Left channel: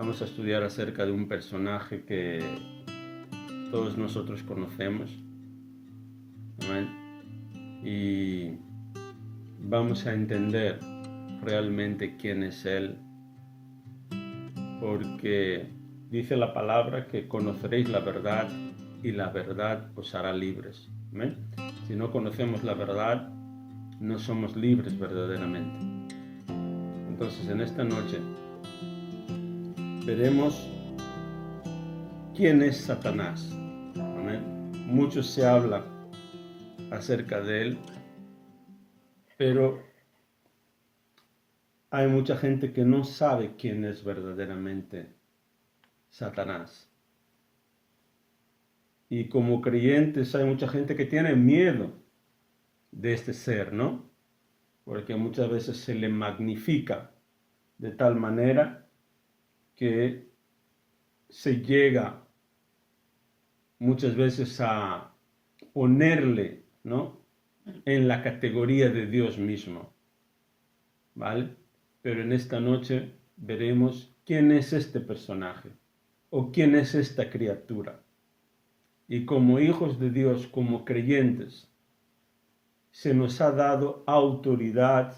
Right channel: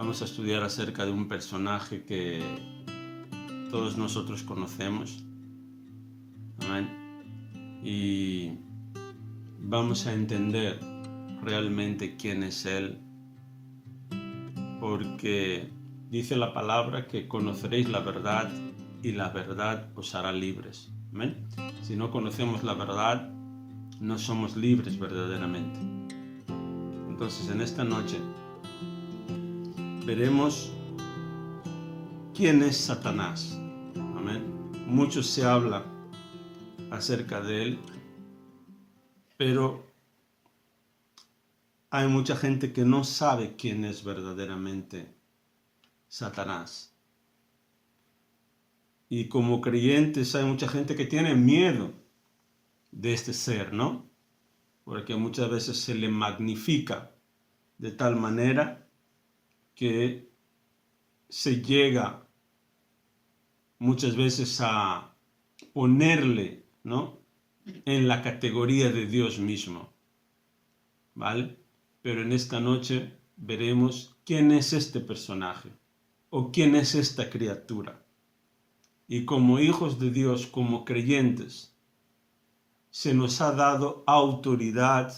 Vamos a estudiar acerca de un personaje que todos nosotros conocemos. Amén. Y vamos a entender realmente quién es Él, porque dice la palabra que conoceréis la verdad y la verdad os hará libres. Amén. Si no conocemos la verdad, no somos libres verdaderamente. Entonces, en esta noche veremos quién es Satanás. Amén. Mucho se habla acerca de él, pero hay mucha gente que no sabe quién es verdaderamente Satanás. Y como creyentes hay mucha gente que tiene miedo de este ser, ¿no? Porque muchas veces se le magnifica de tal manera que se llega muchas veces a ponerle, ¿no?, en la categoría de Dios mismo, ¿vale? Pero en esta noche veremos quién es este personaje o quién es esta criatura. Y como hijos de Dios, como creyentes, se nos ha dado autoridad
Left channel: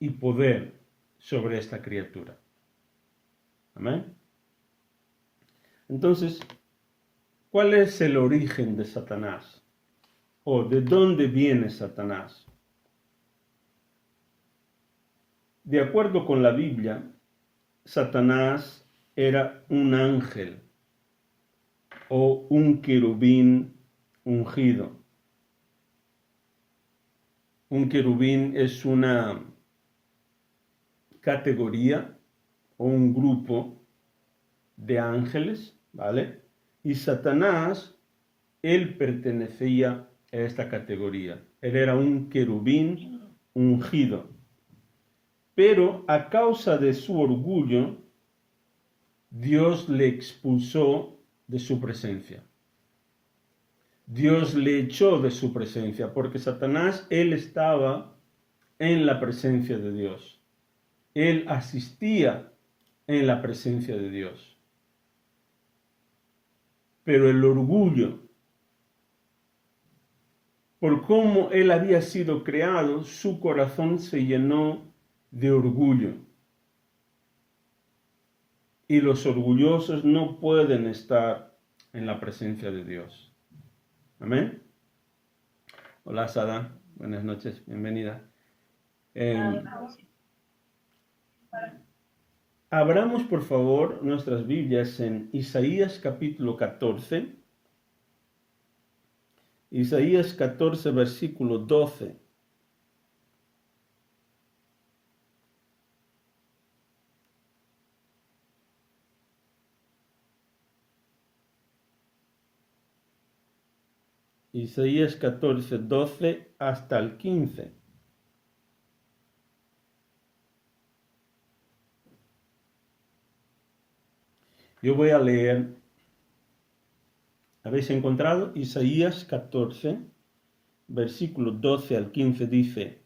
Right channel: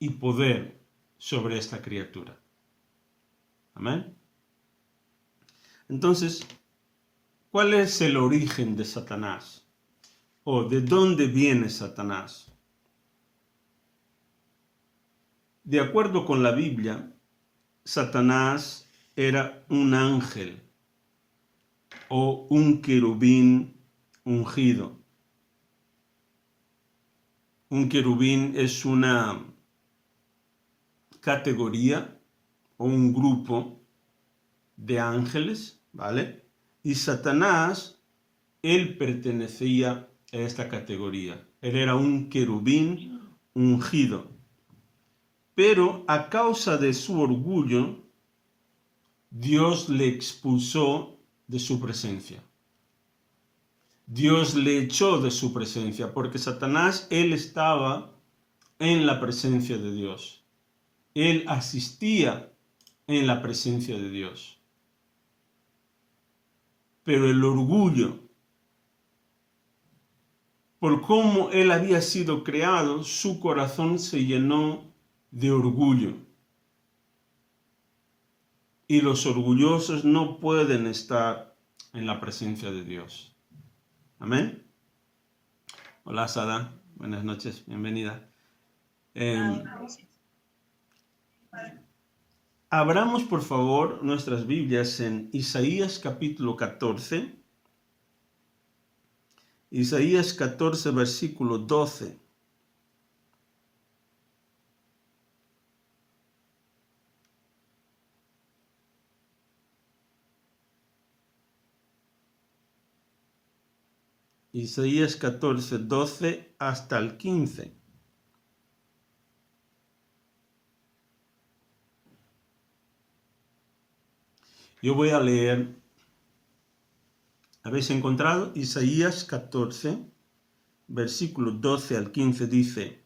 y poder sobre esta criatura. Amén. Entonces, ¿cuál es el origen de Satanás? ¿O de dónde viene Satanás? De acuerdo con la Biblia, Satanás era un ángel o un querubín ungido. Un querubín es una categoría o un grupo de ángeles, ¿vale? Y Satanás, él pertenecía a esta categoría. Él era un querubín ungido. Pero a causa de su orgullo, Dios le expulsó de su presencia. Dios le echó de su presencia, porque Satanás, él estaba en la presencia de Dios. Él asistía en la presencia de Dios. Pero el orgullo, por cómo él había sido creado, su corazón se llenó de orgullo. Y los orgullosos no pueden estar en la presencia de Dios. Amén. Hola, Sada. Buenas noches. Bienvenida. Abramos, por favor, nuestras Biblias en Isaías capítulo 14. Isaías 14, versículo 12. Isaías 14, 12 hasta el 15. Yo voy a leer. ¿Habéis encontrado? Isaías 14, versículo 12 al 15 dice:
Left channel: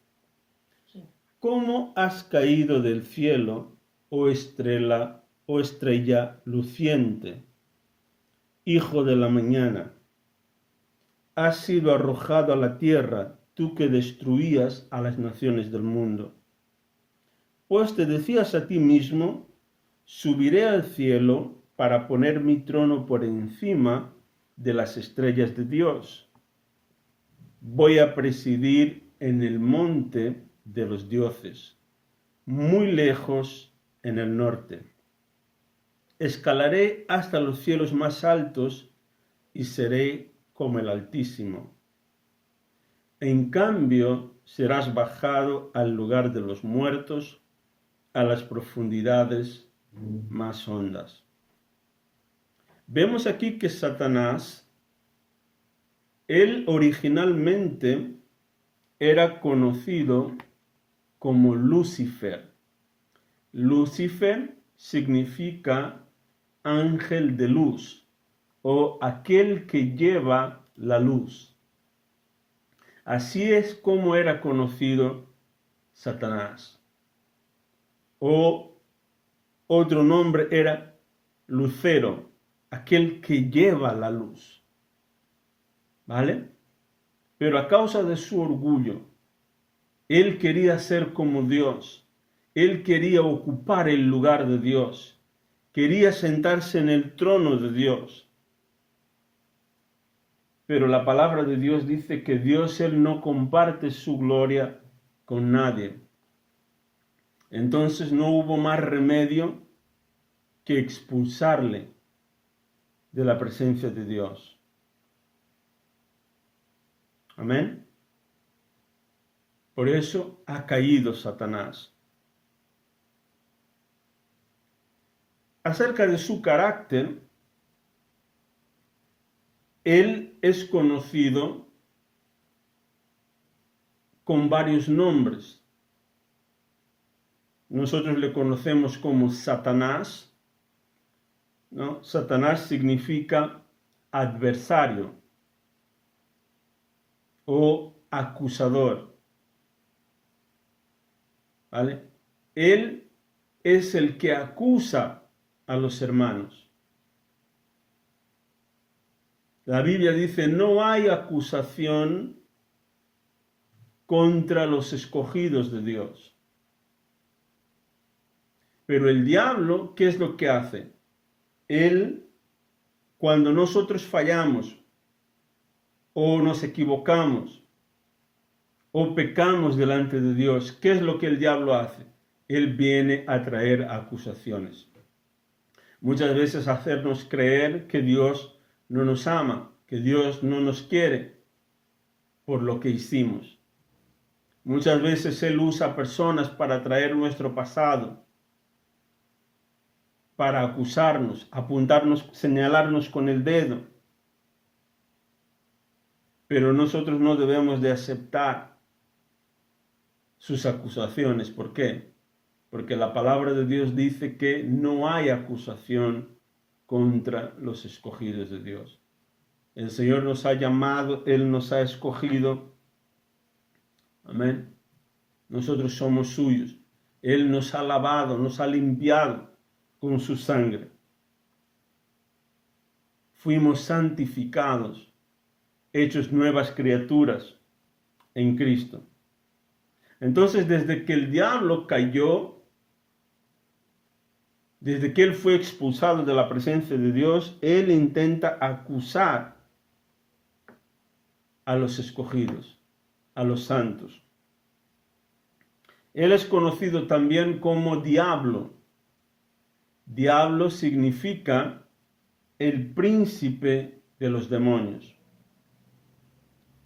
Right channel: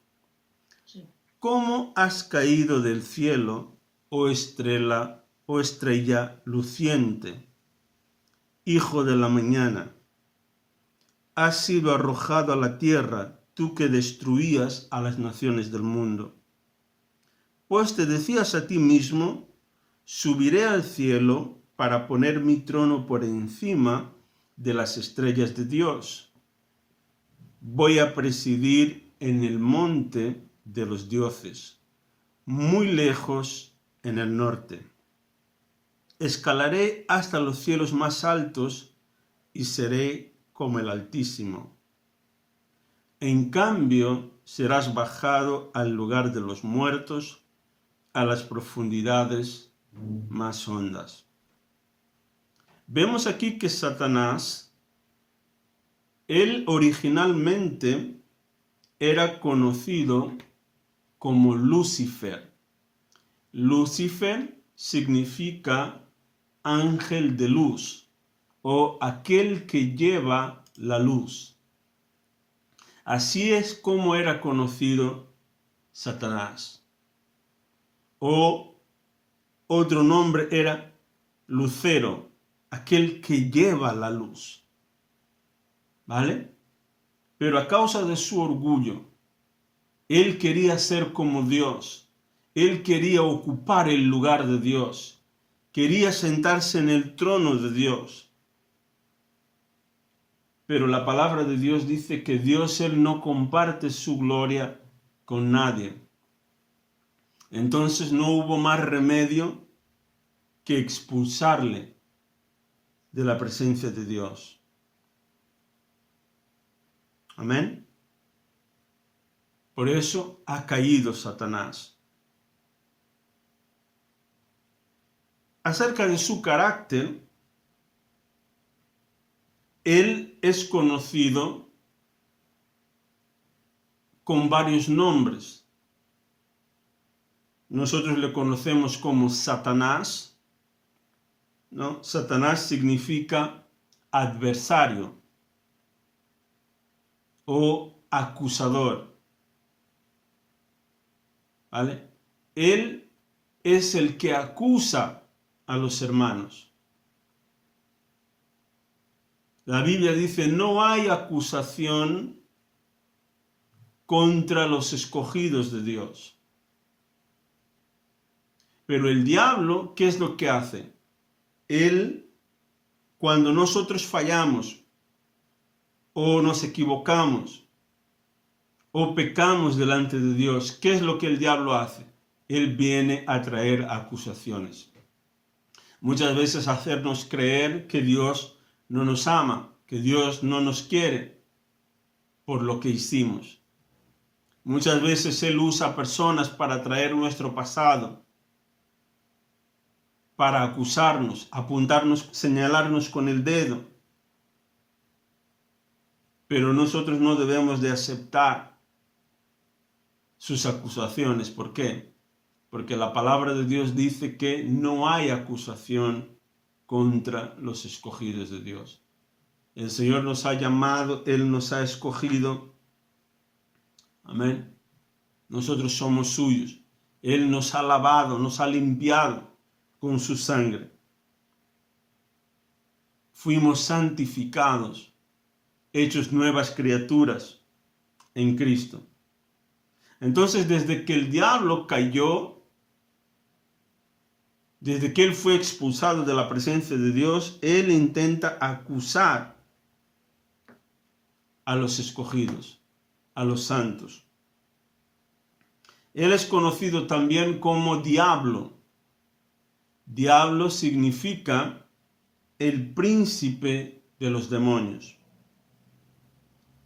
sí. ¿Cómo has caído del cielo, oh estrella luciente, hijo de la mañana? Has sido arrojado a la tierra, tú que destruías a las naciones del mundo. Pues te decías a ti mismo: subiré al cielo para poner mi trono por encima de las estrellas de Dios. Voy a presidir en el monte de los dioses, muy lejos en el norte. Escalaré hasta los cielos más altos y seré como el Altísimo. En cambio, serás bajado al lugar de los muertos, a las profundidades más hondas. Vemos aquí que Satanás, él originalmente era conocido como Lucifer. Lucifer significa ángel de luz o aquel que lleva la luz. Así es como era conocido Satanás. O otro nombre era lucero, aquel que lleva la luz, ¿vale? Pero a causa de su orgullo, él quería ser como Dios, él quería ocupar el lugar de Dios, quería sentarse en el trono de Dios. Pero la palabra de Dios dice que Dios, él no comparte su gloria con nadie. Entonces no hubo más remedio que expulsarle de la presencia de Dios. Amén. Por eso ha caído Satanás. Acerca de su carácter, él es conocido con varios nombres. Nosotros le conocemos como Satanás, ¿no? Satanás significa adversario o acusador, ¿vale? Él es el que acusa a los hermanos. La Biblia dice, no hay acusación contra los escogidos de Dios. Pero el diablo, ¿qué es lo que hace? Él, cuando nosotros fallamos o nos equivocamos o pecamos delante de Dios, ¿qué es lo que el diablo hace? Él viene a traer acusaciones. Muchas veces hacernos creer que Dios no nos ama, que Dios no nos quiere por lo que hicimos. Muchas veces Él usa personas para traer nuestro pasado, para acusarnos, apuntarnos, señalarnos con el dedo. Pero nosotros no debemos de aceptar sus acusaciones. ¿Por qué? Porque la palabra de Dios dice que no hay acusación contra los escogidos de Dios. El Señor nos ha llamado, Él nos ha escogido. Amén. Nosotros somos suyos. Él nos ha lavado, nos ha limpiado con su sangre. Fuimos santificados, hechos nuevas criaturas en Cristo. Entonces, desde que el diablo cayó, desde que él fue expulsado de la presencia de Dios, él intenta acusar a los escogidos, a los santos. Él es conocido también como diablo. Diablo significa el príncipe de los demonios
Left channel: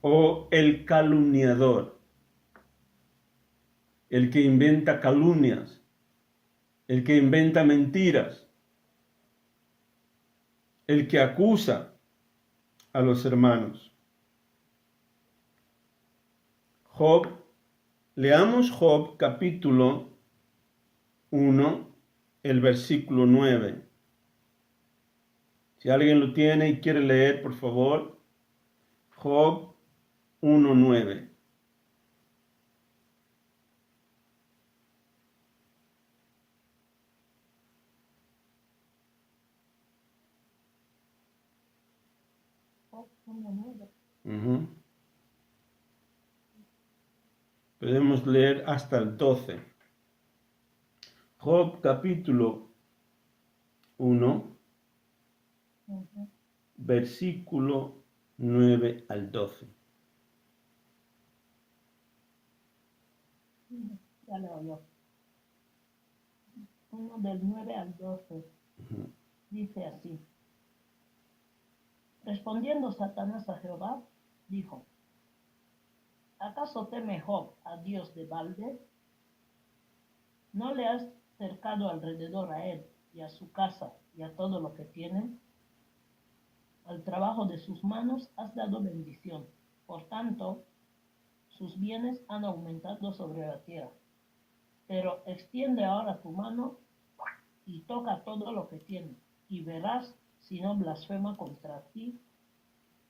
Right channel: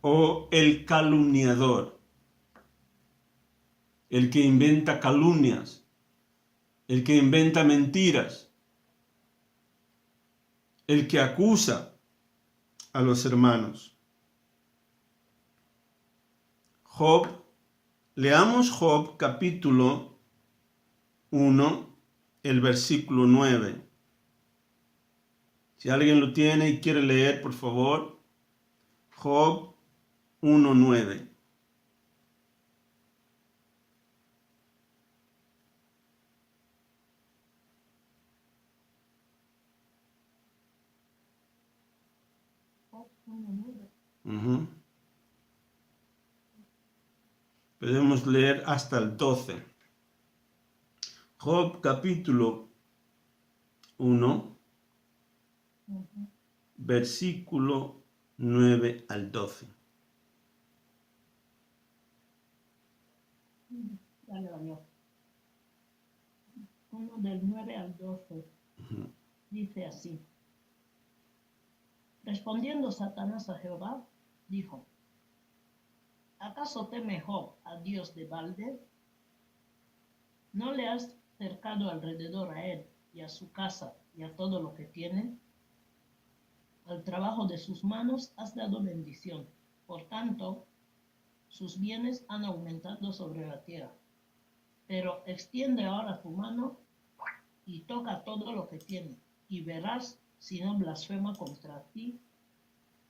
o el calumniador, el que inventa calumnias, el que inventa mentiras, el que acusa a los hermanos. Job, leamos Job capítulo 1, el versículo 9. Si alguien lo tiene y quiere leer, por favor, Job 1:9. Podemos leer hasta el 12. Job capítulo 1, versículo 9 al 12. Ya leo yo. 1 del 9 al 12. Dice así. Respondiendo Satanás a Jehová, dijo, ¿acaso teme Job a Dios de balde? ¿No le has cercado alrededor a él y a su casa y a todo lo que tiene? Al trabajo de sus manos has dado bendición. Por tanto, sus bienes han aumentado sobre la tierra. Pero extiende ahora tu mano y toca todo lo que tiene, y verás si no blasfema contra ti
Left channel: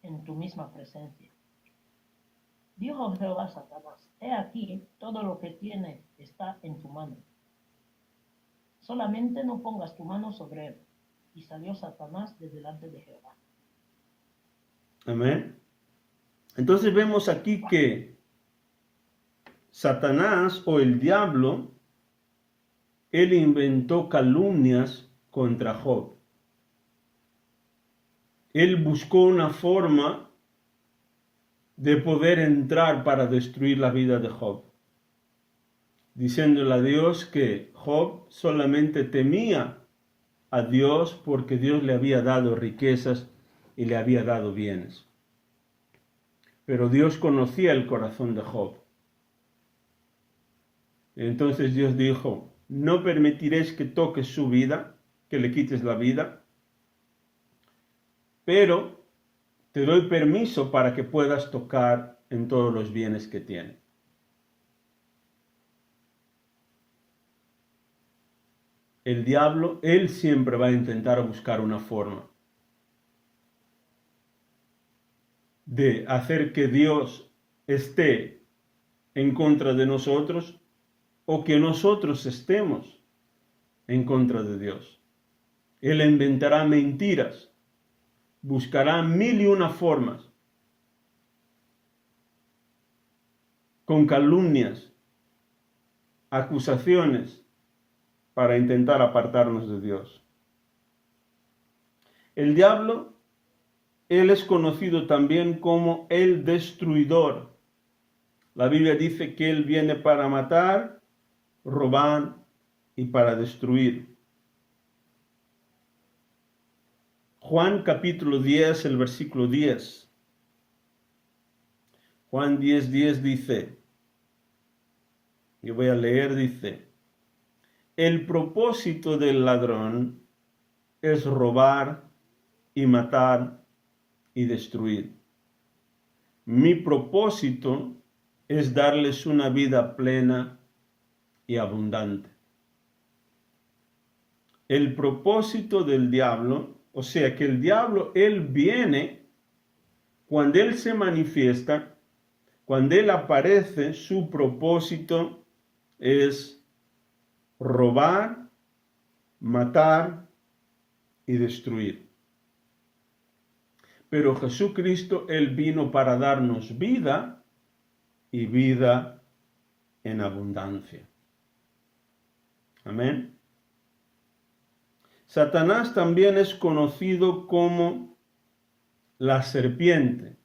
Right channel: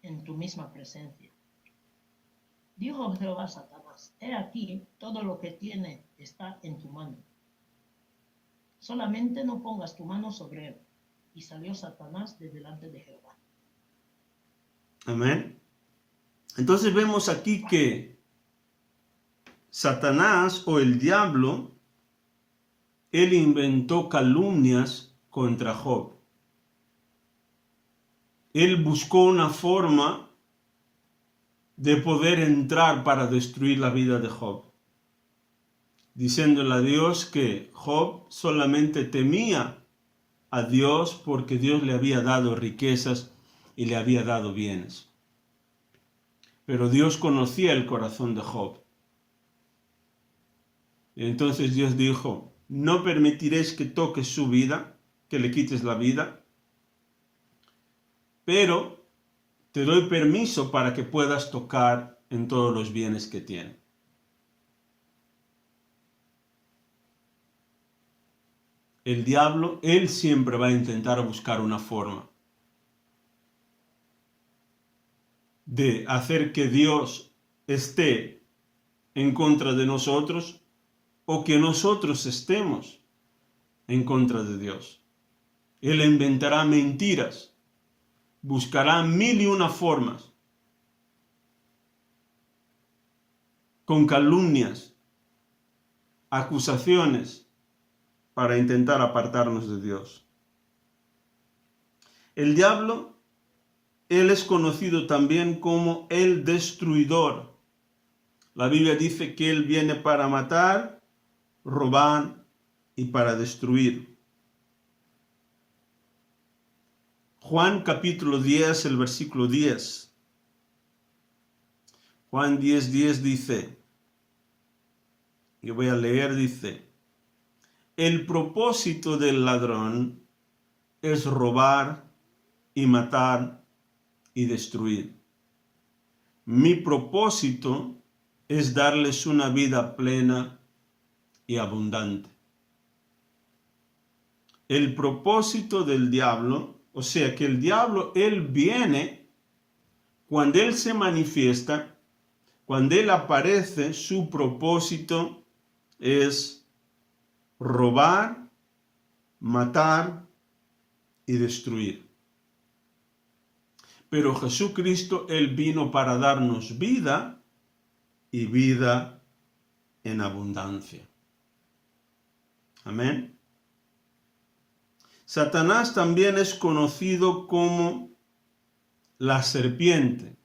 en tu misma presencia. Dijo Jehová a Satanás, he aquí, todo lo que tiene está en tu mano. Solamente no pongas tu mano sobre él. y salió Satanás de delante de Jehová. Amén. Entonces vemos aquí que Satanás o el diablo, él inventó calumnias contra Job. Él buscó una forma de poder entrar para destruir la vida de Job, diciéndole a Dios que Job solamente temía a Dios porque Dios le había dado riquezas y le había dado bienes. Pero Dios conocía el corazón de Job. Entonces Dios dijo, no permitiréis que toques su vida, que le quites la vida, pero te doy permiso para que puedas tocar en todos los bienes que tiene. El diablo, él siempre va a intentar buscar una forma de hacer que Dios esté en contra de nosotros o que nosotros estemos en contra de Dios. Él inventará mentiras, buscará 1001 formas, con calumnias, acusaciones, para intentar apartarnos de Dios. El diablo, él es conocido también como el destruidor. La Biblia dice que él viene para matar, robar y para destruir. Juan capítulo 10, el versículo 10. Juan 10:10 dice, yo voy a leer, dice, el propósito del ladrón es robar y matar y destruir. Mi propósito es darles una vida plena y abundante. El propósito del diablo, o sea que el diablo, él viene, cuando él se manifiesta, cuando él aparece, su propósito es robar, matar y destruir. Pero Jesucristo, él vino para darnos vida y vida en abundancia. Amén. Satanás también es conocido como la serpiente,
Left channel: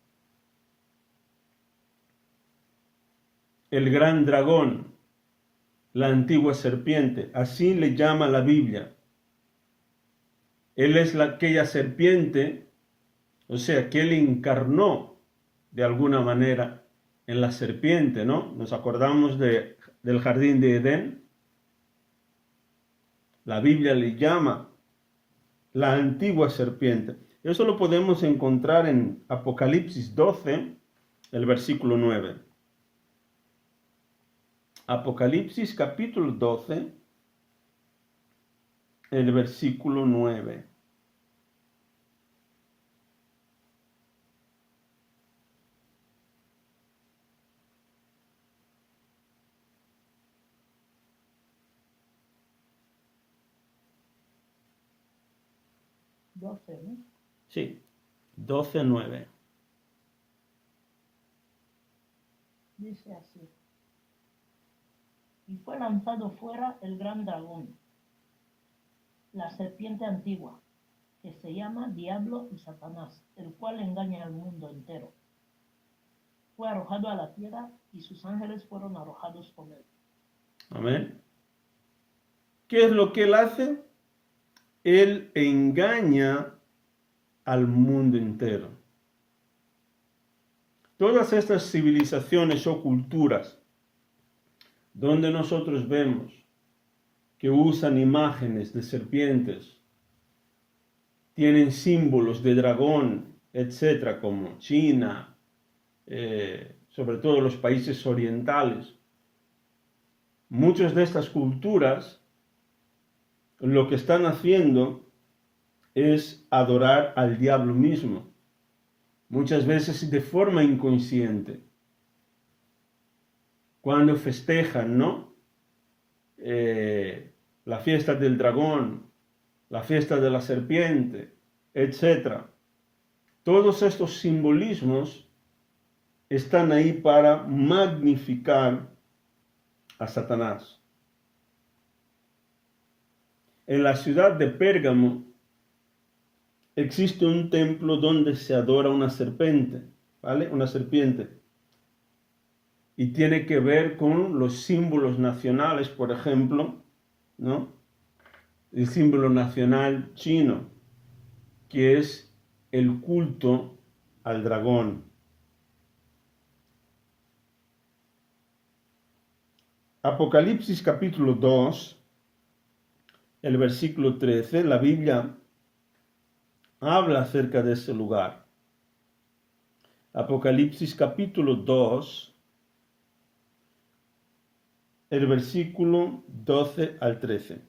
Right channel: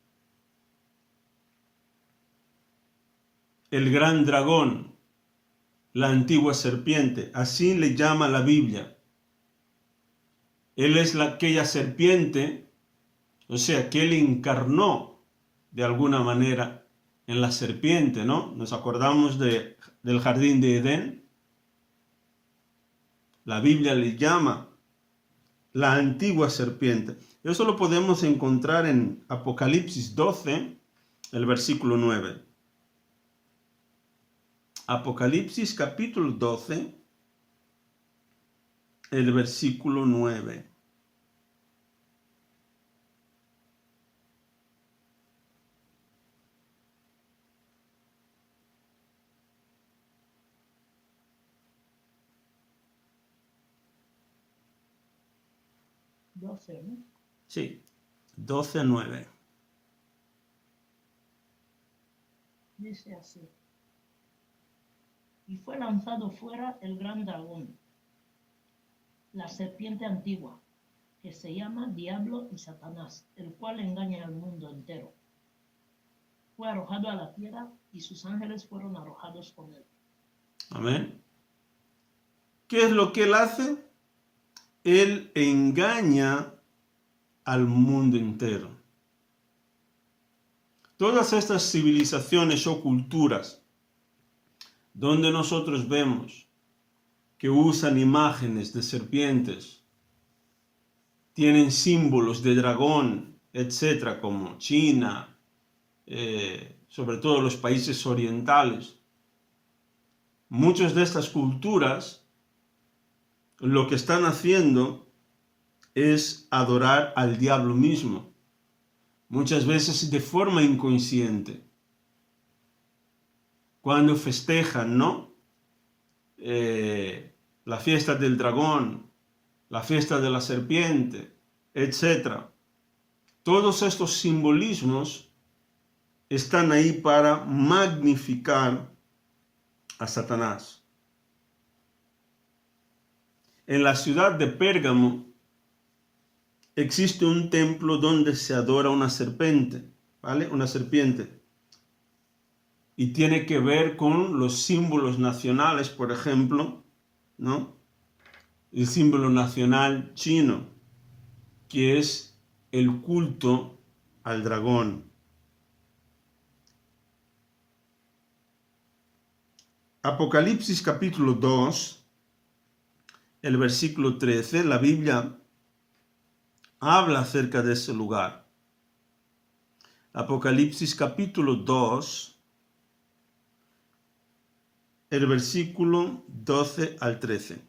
el gran dragón, la antigua serpiente, así le llama la Biblia. Él es aquella serpiente, o sea, que él encarnó de alguna manera en la serpiente, ¿no? Nos acordamos del jardín de Edén. La Biblia le llama la antigua serpiente. Eso lo podemos encontrar en Apocalipsis 12, el versículo 9. Apocalipsis capítulo 12, el versículo 9. ¿no? Sí, 12:9. Dice así. Y fue lanzado fuera el gran dragón, la serpiente antigua, que se llama Diablo y Satanás, el cual engaña al mundo entero. Fue arrojado a la tierra y sus ángeles fueron arrojados con él. Amén. ¿Qué es lo que él hace? Él engaña al mundo entero. Todas estas civilizaciones o culturas donde nosotros vemos que usan imágenes de serpientes, tienen símbolos de dragón, etcétera, como China, sobre todo los países orientales. Muchas de estas culturas lo que están haciendo es adorar al diablo mismo, muchas veces de forma inconsciente. Cuando festejan, ¿no? La fiesta del dragón, la fiesta de la serpiente, etc. Todos estos simbolismos están ahí para magnificar a Satanás. En la ciudad de Pérgamo existe un templo donde se adora una serpiente, ¿vale? Una serpiente. Y tiene que ver con los símbolos nacionales, por ejemplo, ¿no? El símbolo nacional chino, que es el culto al dragón. Apocalipsis capítulo 2, el versículo 13, la Biblia habla acerca de ese lugar. Apocalipsis capítulo 2, el versículo 12 al 13.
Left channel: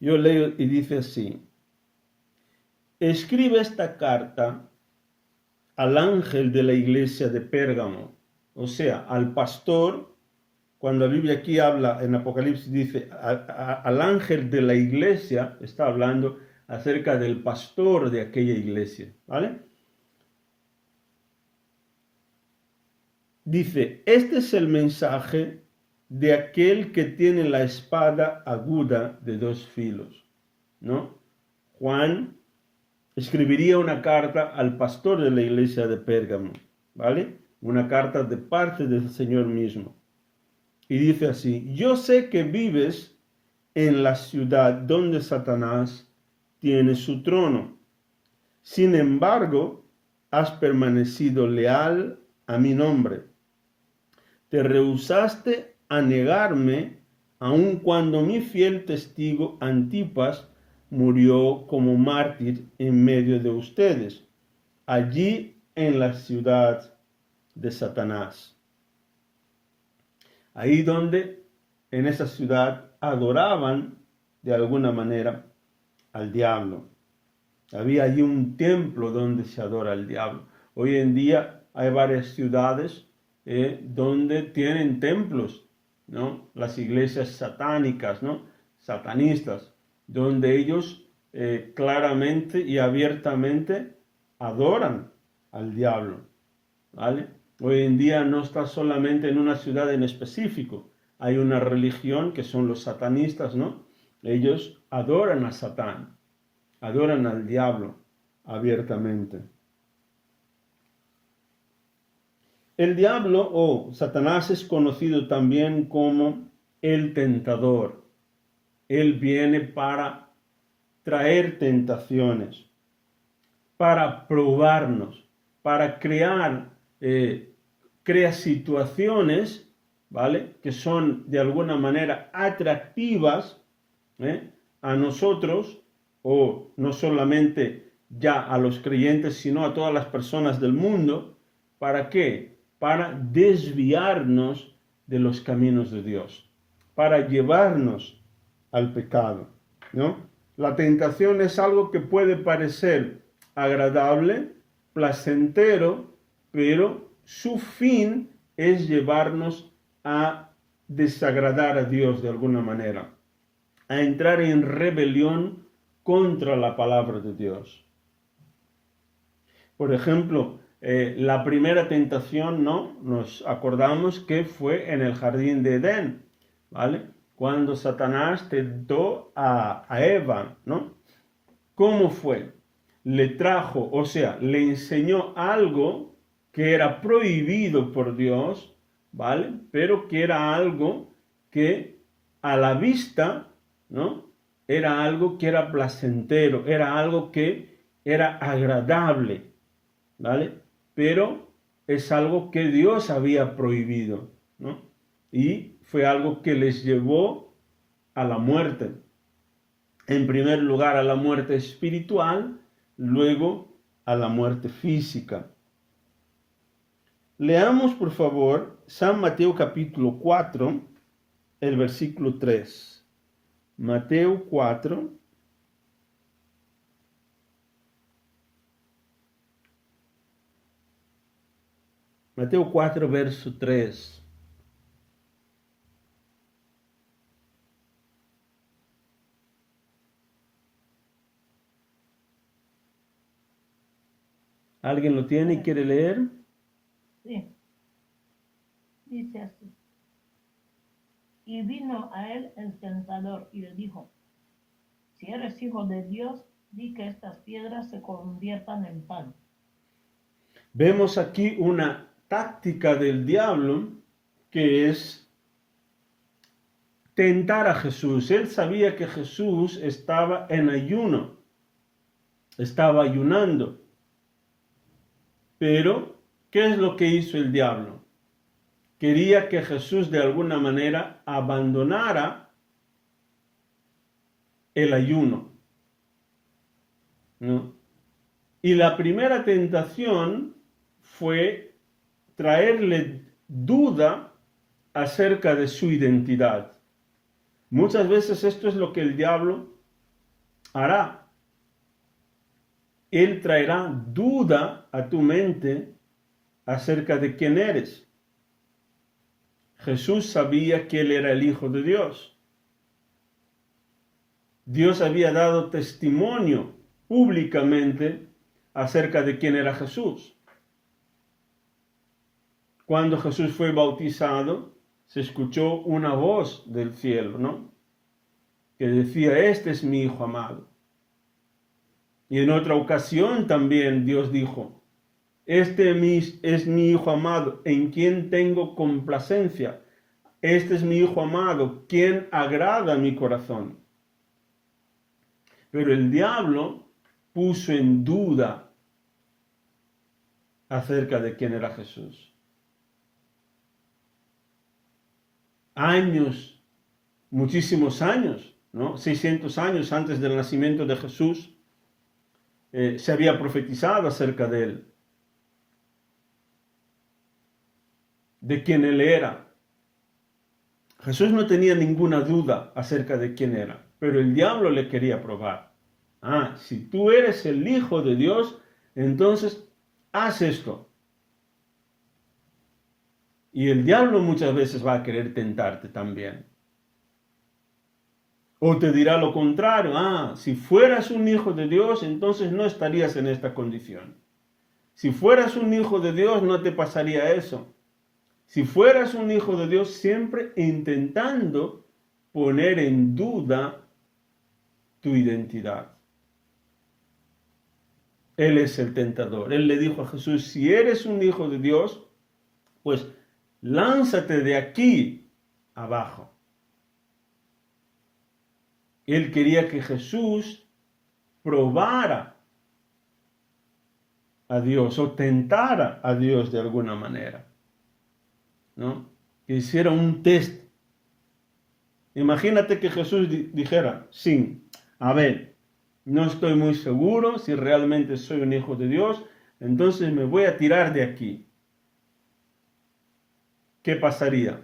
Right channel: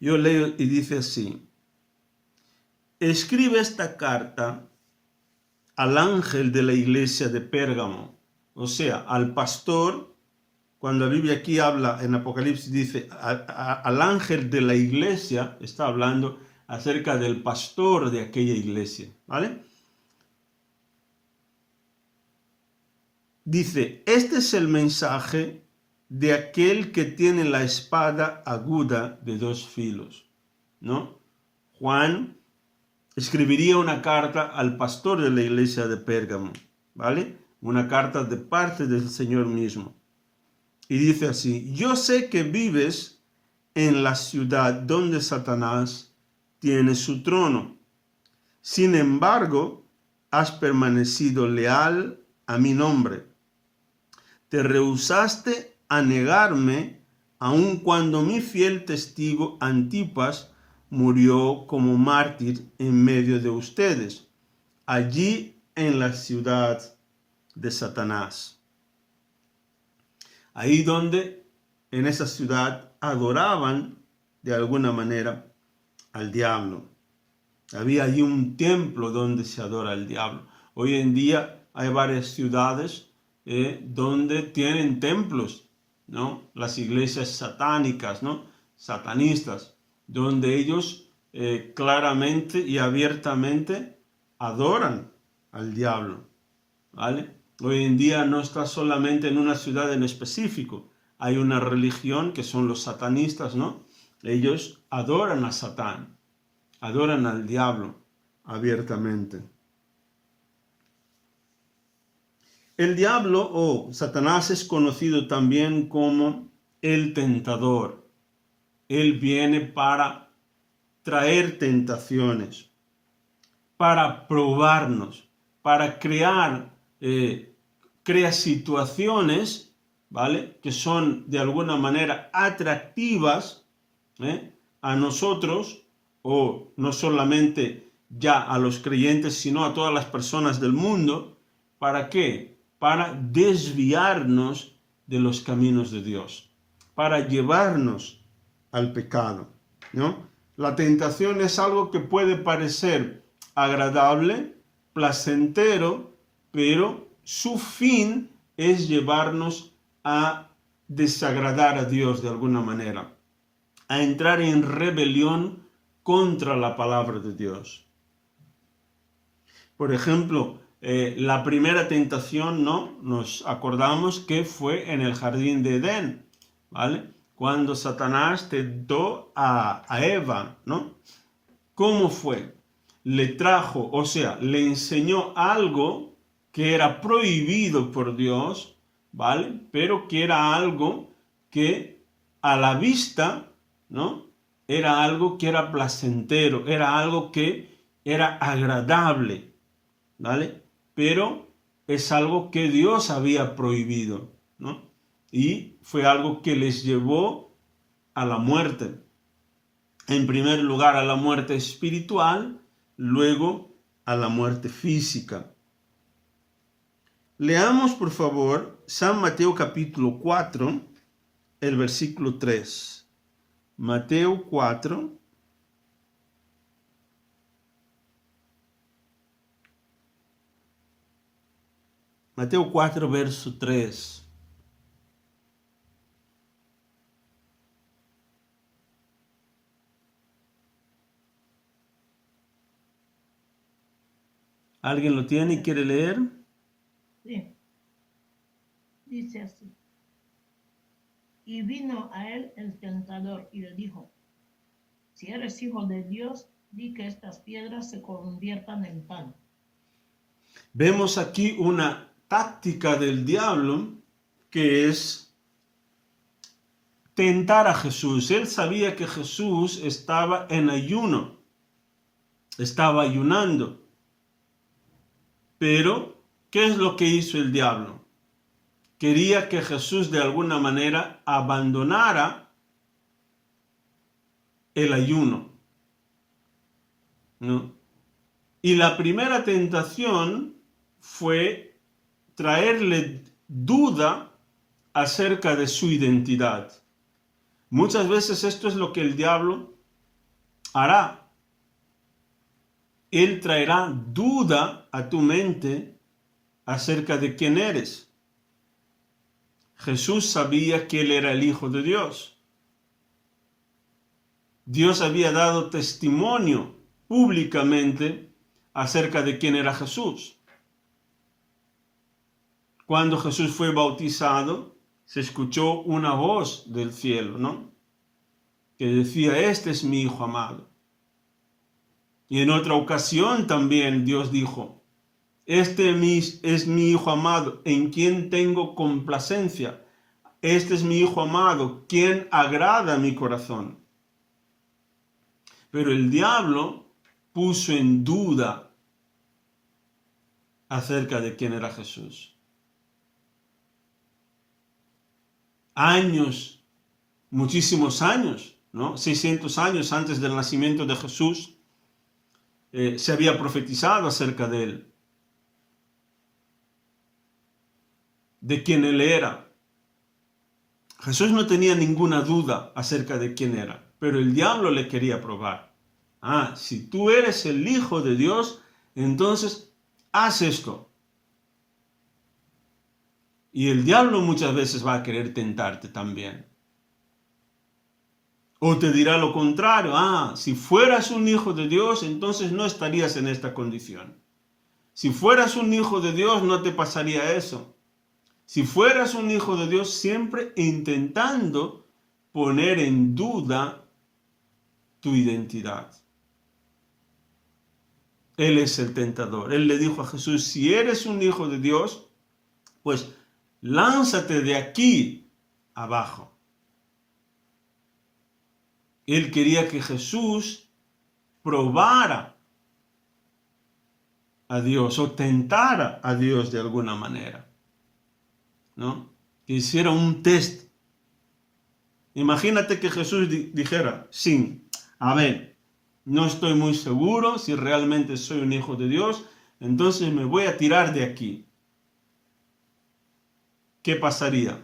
Yo leo y dice así: escribe esta carta al ángel de la iglesia de Pérgamo, o sea, al pastor. Cuando la Biblia aquí habla en Apocalipsis, dice al ángel de la iglesia, está hablando acerca del pastor de aquella iglesia, ¿vale? Dice, este es el mensaje de aquel que tiene la espada aguda de dos filos, ¿no? Juan escribiría una carta al pastor de la iglesia de Pérgamo, ¿vale? Una carta de parte del Señor mismo. Y dice así: yo sé que vives en la ciudad donde Satanás tiene su trono. Sin embargo, has permanecido leal a mi nombre. Te rehusaste a negarme, aun cuando mi fiel testigo Antipas murió como mártir en medio de ustedes, allí en la ciudad de Satanás. Ahí donde en esa ciudad adoraban de alguna manera al diablo. Había allí un templo donde se adora al diablo. Hoy en día hay varias ciudades donde tienen templos, ¿no? Las iglesias satánicas, ¿no? Satanistas, donde ellos claramente y abiertamente adoran al diablo, ¿vale? Hoy en día no está solamente en una ciudad en específico. Hay una religión que son los satanistas, ¿no? Ellos adoran a Satán, adoran al diablo abiertamente. El diablo o Satanás es conocido también como el tentador. Él viene para traer tentaciones, para probarnos, para crear situaciones, ¿vale? Que son de alguna manera atractivas a nosotros, o no solamente ya a los creyentes, sino a todas las personas del mundo. ¿Para qué? Para desviarnos de los caminos de Dios, para llevarnos al pecado, ¿no? La tentación es algo que puede parecer agradable, placentero, pero su fin es llevarnos a desagradar a Dios de alguna manera, a entrar en rebelión contra la palabra de Dios. Por ejemplo, la primera tentación, ¿no? Nos acordamos que fue en el jardín de Edén, ¿vale? Cuando Satanás tentó a Eva, ¿no? ¿Cómo fue? Le trajo, o sea, le enseñó algo que era prohibido por Dios, ¿vale? Pero que era algo que a la vista, ¿no? Era algo que era placentero, era algo que era agradable, ¿vale? Pero es algo que Dios había prohibido, ¿no? Y fue algo que les llevó a la muerte. En primer lugar a la muerte espiritual, luego a la muerte física. Leamos por favor San Mateo capítulo 4, el versículo 3. Mateo 4. Mateo 4, verso 3. ¿Alguien lo tiene y quiere leer? Sí. Dice así. Y vino a él el tentador y le dijo, si eres hijo de Dios, di que estas piedras se conviertan en pan. Vemos aquí una táctica del diablo que es tentar a Jesús. Él sabía que Jesús estaba en ayuno, estaba ayunando. Pero, ¿qué es lo que hizo el diablo? Quería que Jesús de alguna manera abandonara el ayuno, ¿no? Y la primera tentación fue traerle duda acerca de su identidad. Muchas veces esto es lo que el diablo hará. Él traerá duda a tu mente acerca de quién eres. Jesús sabía que él era el Hijo de Dios. Dios había dado testimonio públicamente acerca de quién era Jesús. Cuando Jesús fue bautizado, se escuchó una voz del cielo, ¿no? Que decía, este es mi Hijo amado. Y en otra ocasión también Dios dijo, este es mi Hijo amado, en quien tengo complacencia. Este es mi Hijo amado, quien agrada a mi corazón. Pero el diablo puso en duda acerca de quién era Jesús. Años, muchísimos años, ¿no? 600 años antes del nacimiento de Jesús, se había profetizado acerca de él, de quién él era. Jesús no tenía ninguna duda acerca de quién era, pero el diablo le quería probar. Si tú eres el Hijo de Dios, entonces haz esto. Y el diablo muchas veces va a querer tentarte también. O te dirá lo contrario, si fueras un hijo de Dios, entonces no estarías en esta condición. Si fueras un hijo de Dios, no te pasaría eso. Si fueras un hijo de Dios, siempre intentando poner en duda tu identidad. Él es el tentador. Él le dijo a Jesús, si eres un hijo de Dios, pues lánzate de aquí abajo. Él quería que Jesús probara a Dios o tentara a Dios de alguna manera, ¿no? Que hiciera un test. Imagínate que Jesús dijera, sí, a ver, no estoy muy seguro si realmente soy un hijo de Dios, entonces me voy a tirar de aquí. ¿Qué pasaría?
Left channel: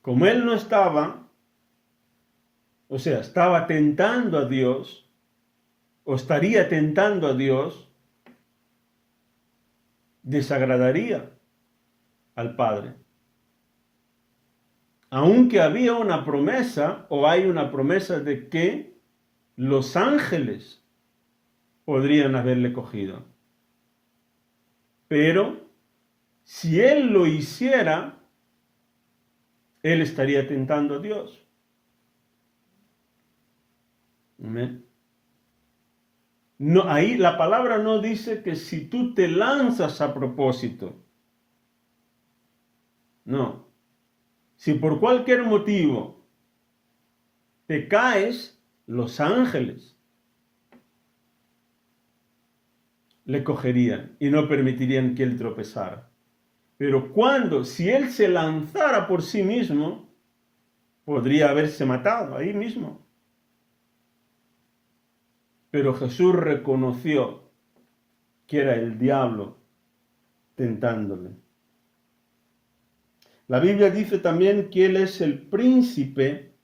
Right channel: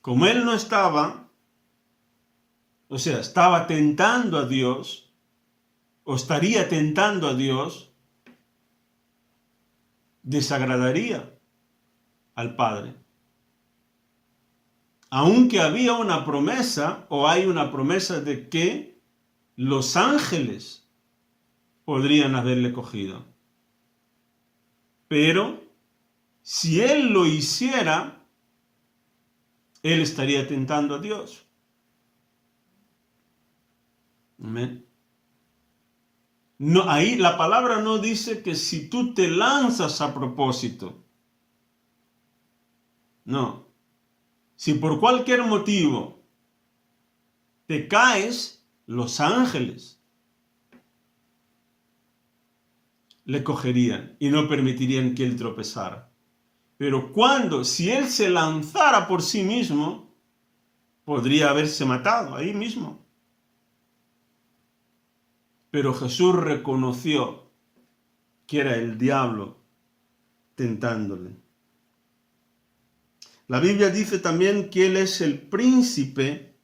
Como él no estaba, estaba tentando a Dios, o estaría tentando a Dios, desagradaría al Padre. Aunque había una promesa, o hay una promesa de que los ángeles podrían haberle cogido. Pero si él lo hiciera, él estaría tentando a Dios. Amén. No, ahí la palabra no dice que si tú te lanzas a propósito. No. Si por cualquier motivo te caes, los ángeles le cogerían y no permitirían que él tropezara. Pero si él se lanzara por sí mismo, podría haberse matado ahí mismo. Pero Jesús reconoció que era el diablo tentándole. La Biblia dice también que él es el príncipe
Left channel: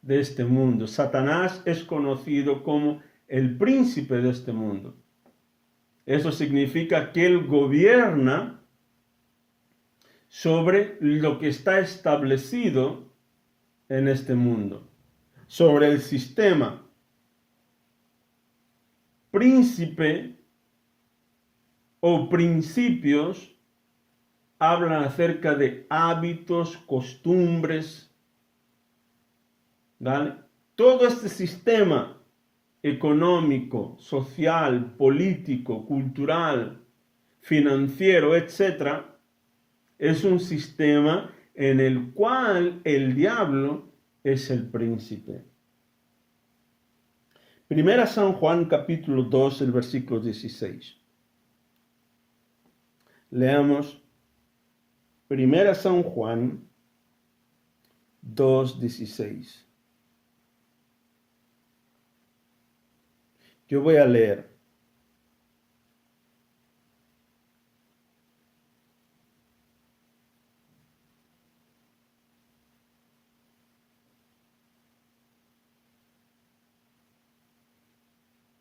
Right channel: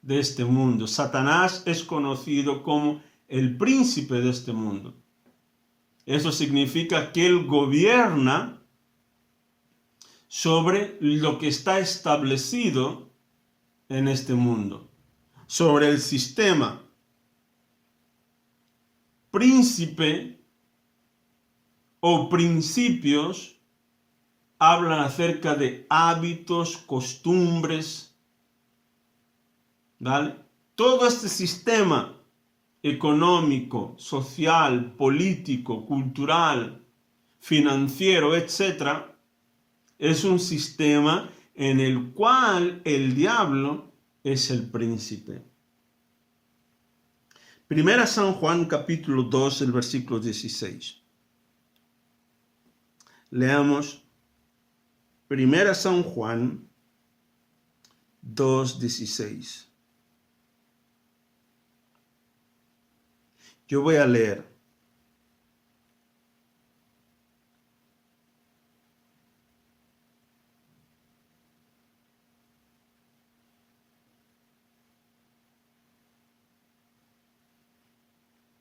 de este mundo. Satanás es conocido como el príncipe de este mundo. Eso significa que él gobierna sobre lo que está establecido en este mundo, sobre el sistema. príncipe o principios hablan acerca de hábitos, costumbres, ¿vale? Todo este sistema económico, social, político, cultural, financiero, etc., es un sistema en el cual el diablo es el príncipe. Primera San Juan capítulo 2, el versículo 16. Leamos Primera San Juan 2, 16. Yo voy a leer.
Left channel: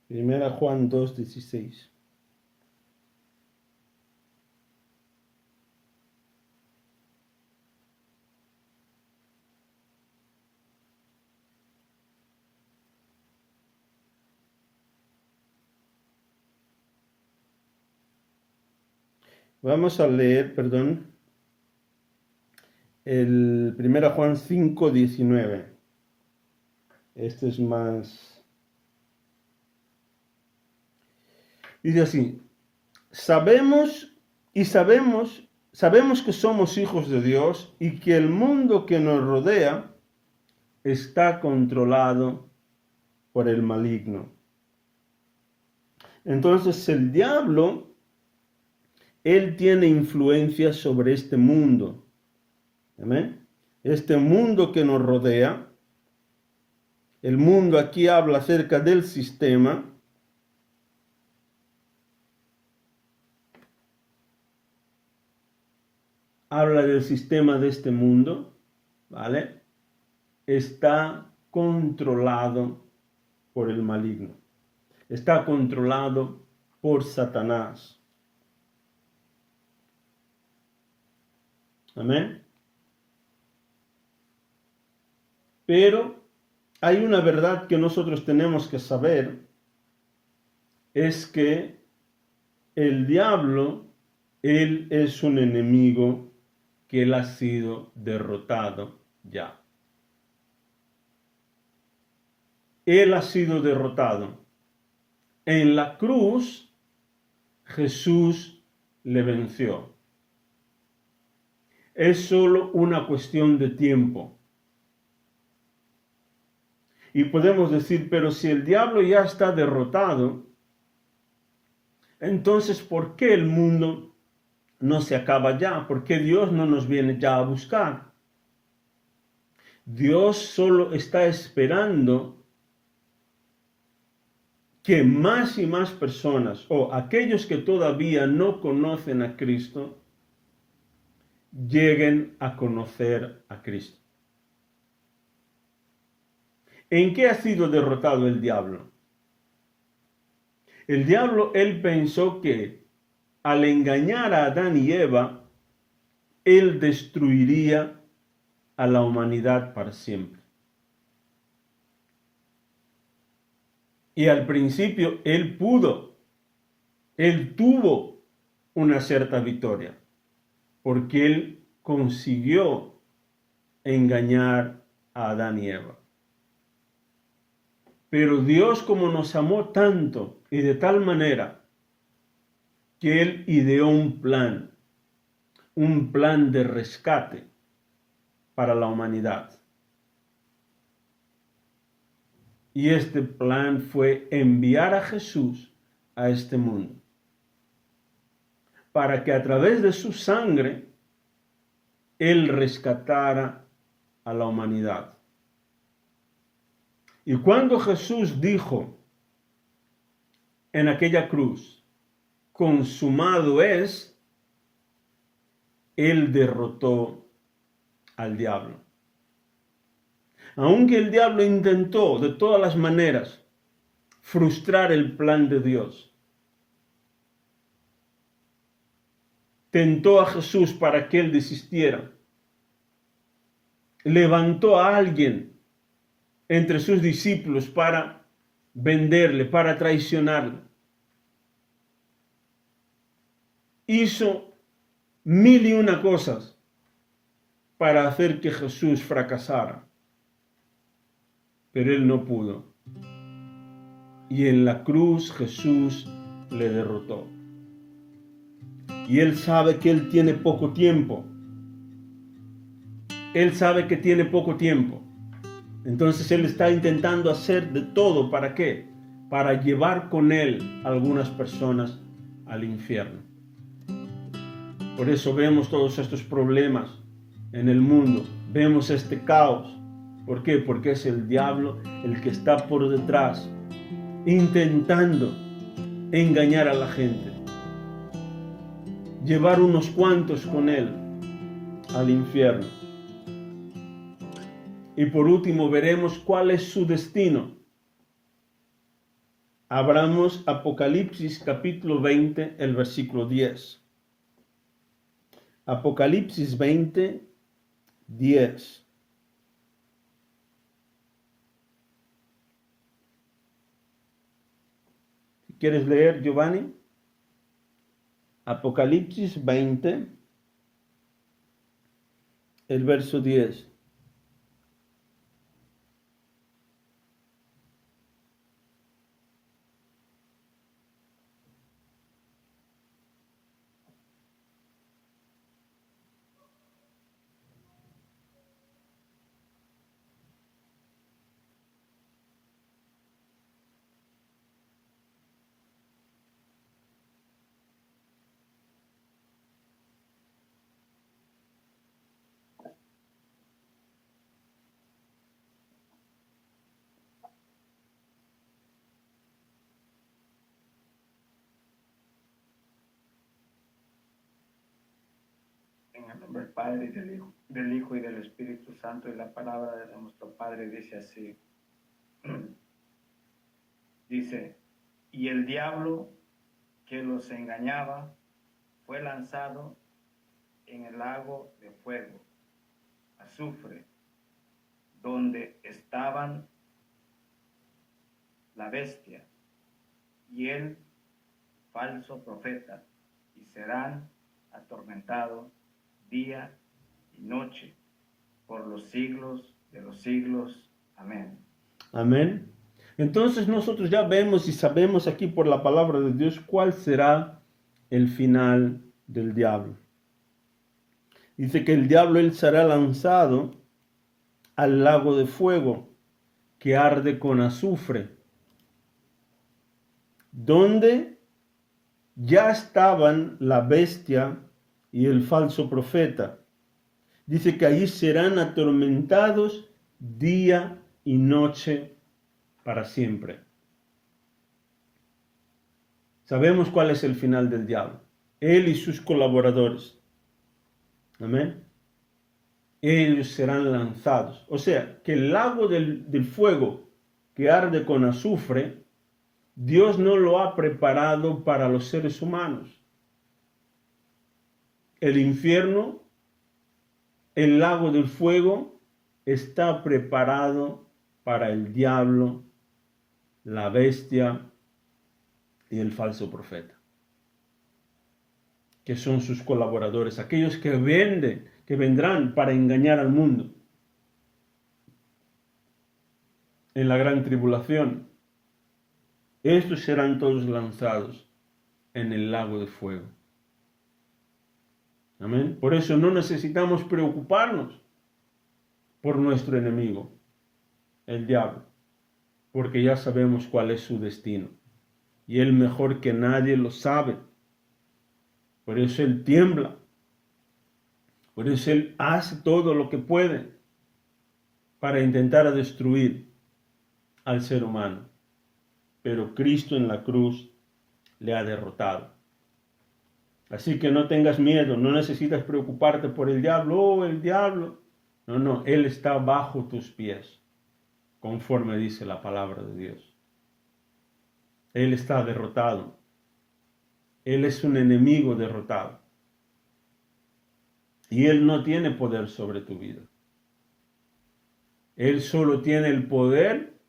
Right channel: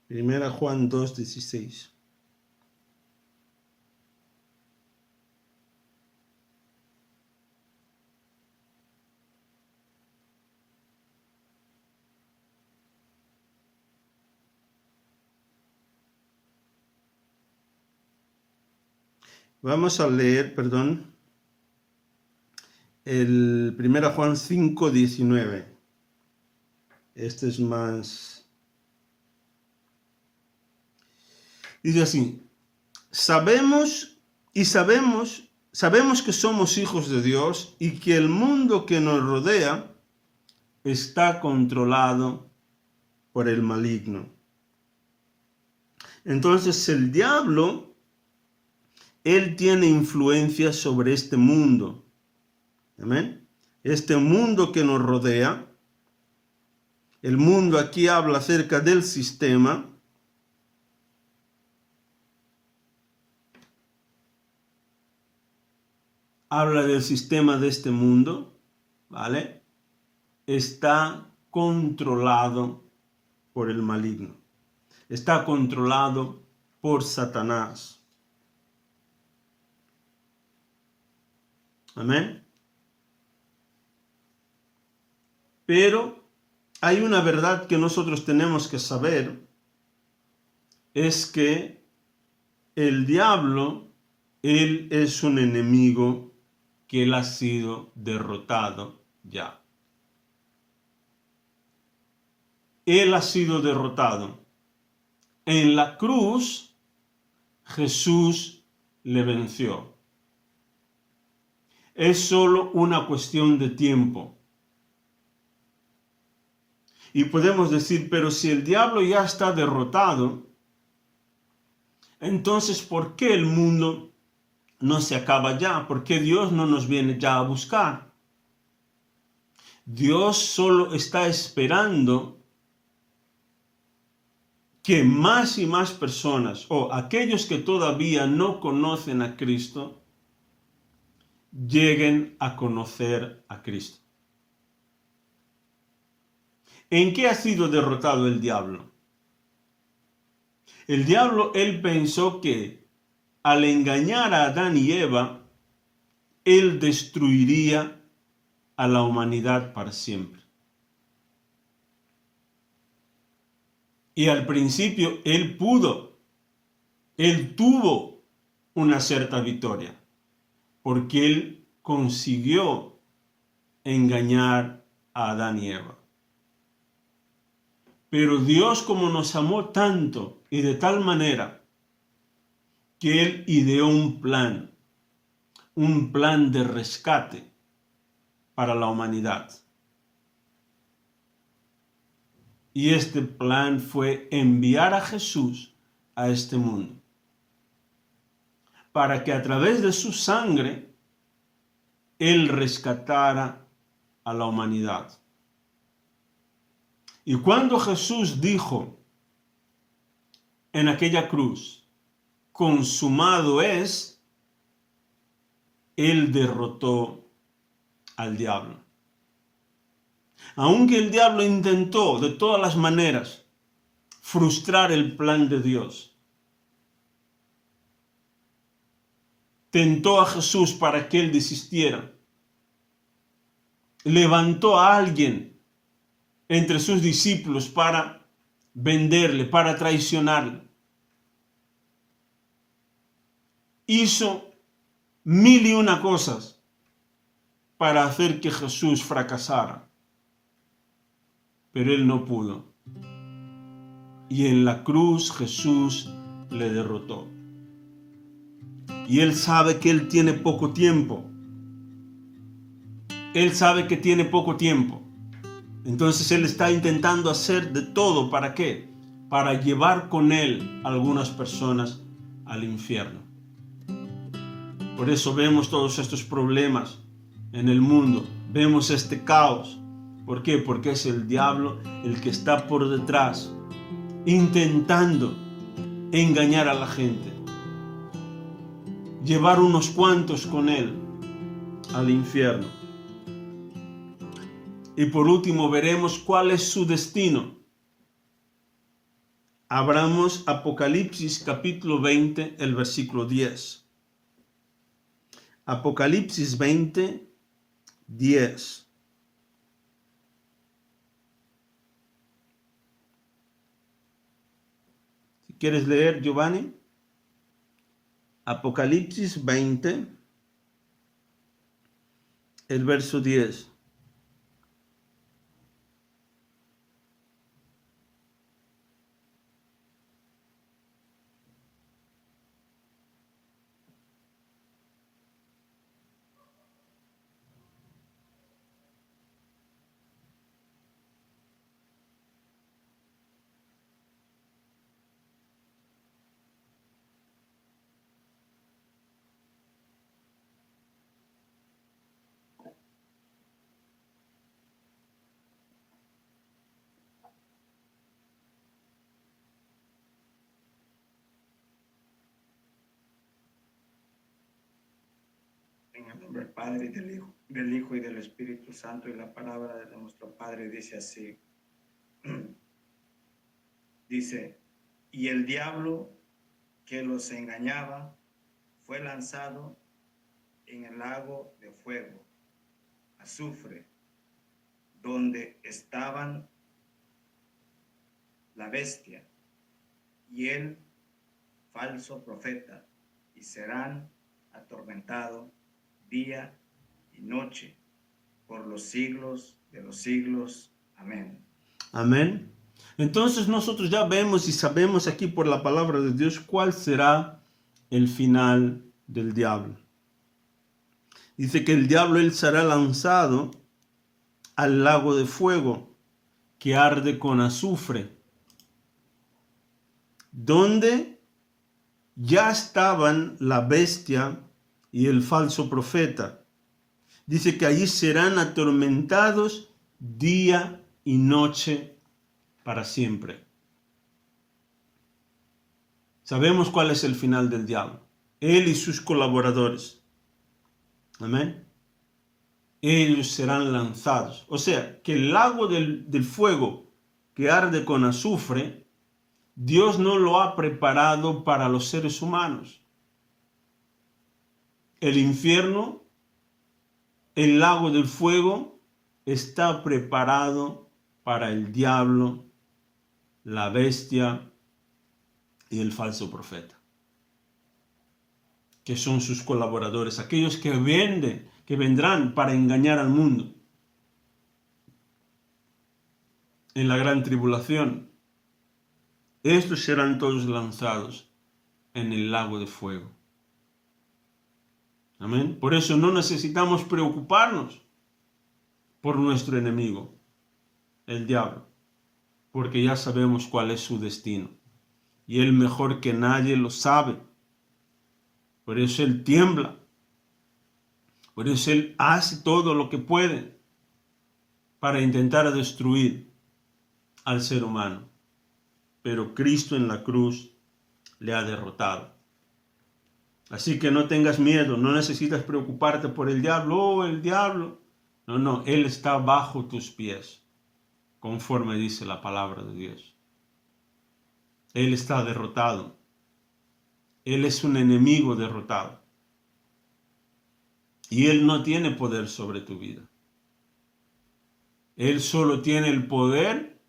Primera Juan 2, 16. Vamos a leer, el 1 Juan 5, 19. Este es más... Dice así: sabemos que somos hijos de Dios y que el mundo que nos rodea está controlado por el maligno. Entonces el diablo, él tiene influencia sobre este mundo. Amén. Este mundo que nos rodea. El mundo aquí habla acerca del sistema. Habla del sistema de este mundo, ¿vale? Está controlado por el maligno. Está controlado por Satanás. Amén. Pero hay una verdad que nosotros tenemos que saber, es que el diablo, él es un enemigo que él ha sido derrotado ya. Él ha sido derrotado. En la cruz, Jesús le venció. Es solo una cuestión de tiempo. Y podemos decir, pero si el diablo ya está derrotado, entonces ¿por qué el mundo no se acaba ya? ¿Por qué Dios no nos viene ya a buscar? Dios solo está esperando que más y más personas, o aquellos que todavía no conocen a Cristo, lleguen a conocer a Cristo. ¿En qué ha sido derrotado el diablo? El diablo, él pensó que al engañar a Adán y Eva, él destruiría a la humanidad para siempre. Y al principio él tuvo una cierta victoria, porque él consiguió engañar a Adán y Eva. Pero Dios, como nos amó tanto y de tal manera, que él ideó un plan de rescate para la humanidad. Y este plan fue enviar a Jesús a este mundo, para que a través de su sangre él rescatara a la humanidad. Y cuando Jesús dijo en aquella cruz, consumado es, él derrotó al diablo. Aunque el diablo intentó de todas las maneras frustrar el plan de Dios, tentó a Jesús para que él desistiera, levantó a alguien entre sus discípulos para venderle, para traicionarle. Hizo 1001 cosas para hacer que Jesús fracasara, pero él no pudo. Y en la cruz Jesús le derrotó. Y él sabe que él tiene poco tiempo. Él sabe que tiene poco tiempo. Entonces él está intentando hacer de todo. ¿Para qué? Para llevar con él a algunas personas al infierno. Por eso vemos todos estos problemas en el mundo. Vemos este caos. ¿Por qué? Porque es el diablo el que está por detrás, intentando engañar a la gente. Llevar unos cuantos con él al infierno. Y por último veremos cuál es su destino. Abramos Apocalipsis capítulo 20, el versículo 10. Apocalipsis 20, 10. Si quieres leer, Giovanni. Apocalipsis 20, el verso 10. En el nombre del Padre, y del Hijo y del Espíritu Santo, y la palabra de nuestro Padre dice así. Dice, y el diablo que los engañaba fue lanzado en el lago de fuego, azufre, donde estaban la bestia y el falso profeta, y serán atormentados día y noche por los siglos de los siglos. Amén. Amén. Entonces nosotros ya vemos y sabemos aquí por la palabra de Dios cuál será el final del diablo. Dice que el diablo él será lanzado al lago de fuego que arde con azufre, donde ya estaban la bestia y el falso profeta. Dice que allí serán atormentados día y noche para siempre. Sabemos cuál es el final del diablo. Él y sus colaboradores. Amén. Ellos serán lanzados. O sea, que el lago del fuego que arde con azufre, Dios no lo ha preparado para los seres humanos. El infierno, el lago del fuego, está preparado para el diablo, la bestia y el falso profeta, que son sus colaboradores, aquellos que vendrán para engañar al mundo en la gran tribulación. Estos serán todos lanzados en el lago de fuego. Amén. Por eso no necesitamos preocuparnos por nuestro enemigo, el diablo, porque ya sabemos cuál es su destino. Y él mejor que nadie lo sabe. Por eso él tiembla. Por eso él hace todo lo que puede para intentar destruir al ser humano. Pero Cristo en la cruz le ha derrotado. Así que no tengas miedo, no necesitas preocuparte por el diablo. Oh, el diablo. No, él está bajo tus pies, conforme dice la palabra de Dios. Él está derrotado. Él es un enemigo derrotado. Y él no tiene poder sobre tu vida. Él solo tiene el poder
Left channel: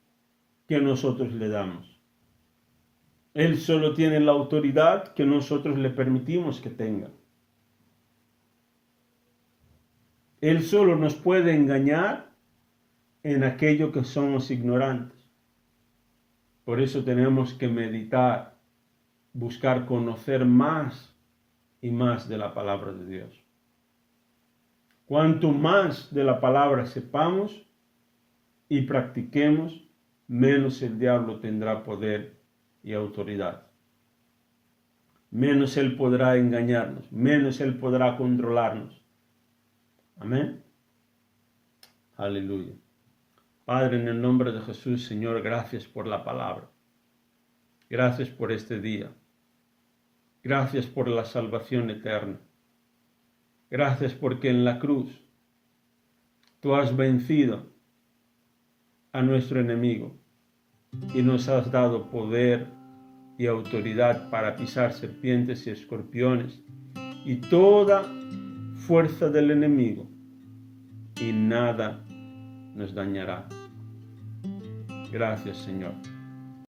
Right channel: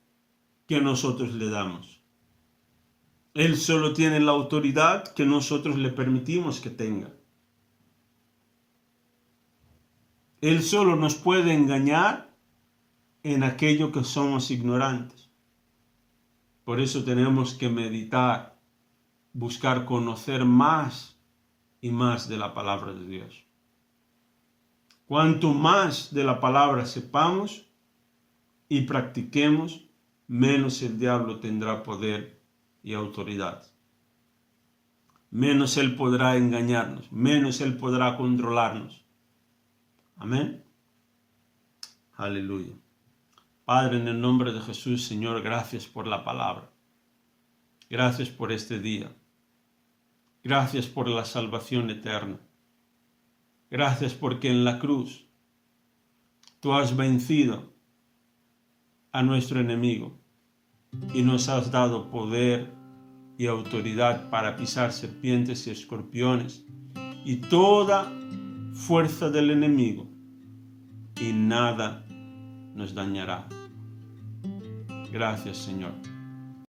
que nosotros le damos. Él solo tiene la autoridad que nosotros le permitimos que tenga. Él solo nos puede engañar en aquello que somos ignorantes. Por eso tenemos que meditar, buscar conocer más y más de la palabra de Dios. Cuanto más de la palabra sepamos y practiquemos, menos el diablo tendrá poder y autoridad. Menos él podrá engañarnos, menos él podrá controlarnos. Amén. Aleluya. Padre, en el nombre de Jesús, Señor, gracias por la palabra. Gracias por este día. Gracias por la salvación eterna. Gracias porque en la cruz tú has vencido a nuestro enemigo y nos has dado poder y autoridad para pisar serpientes y escorpiones y toda fuerza del enemigo, y nada nos dañará. Gracias, Señor.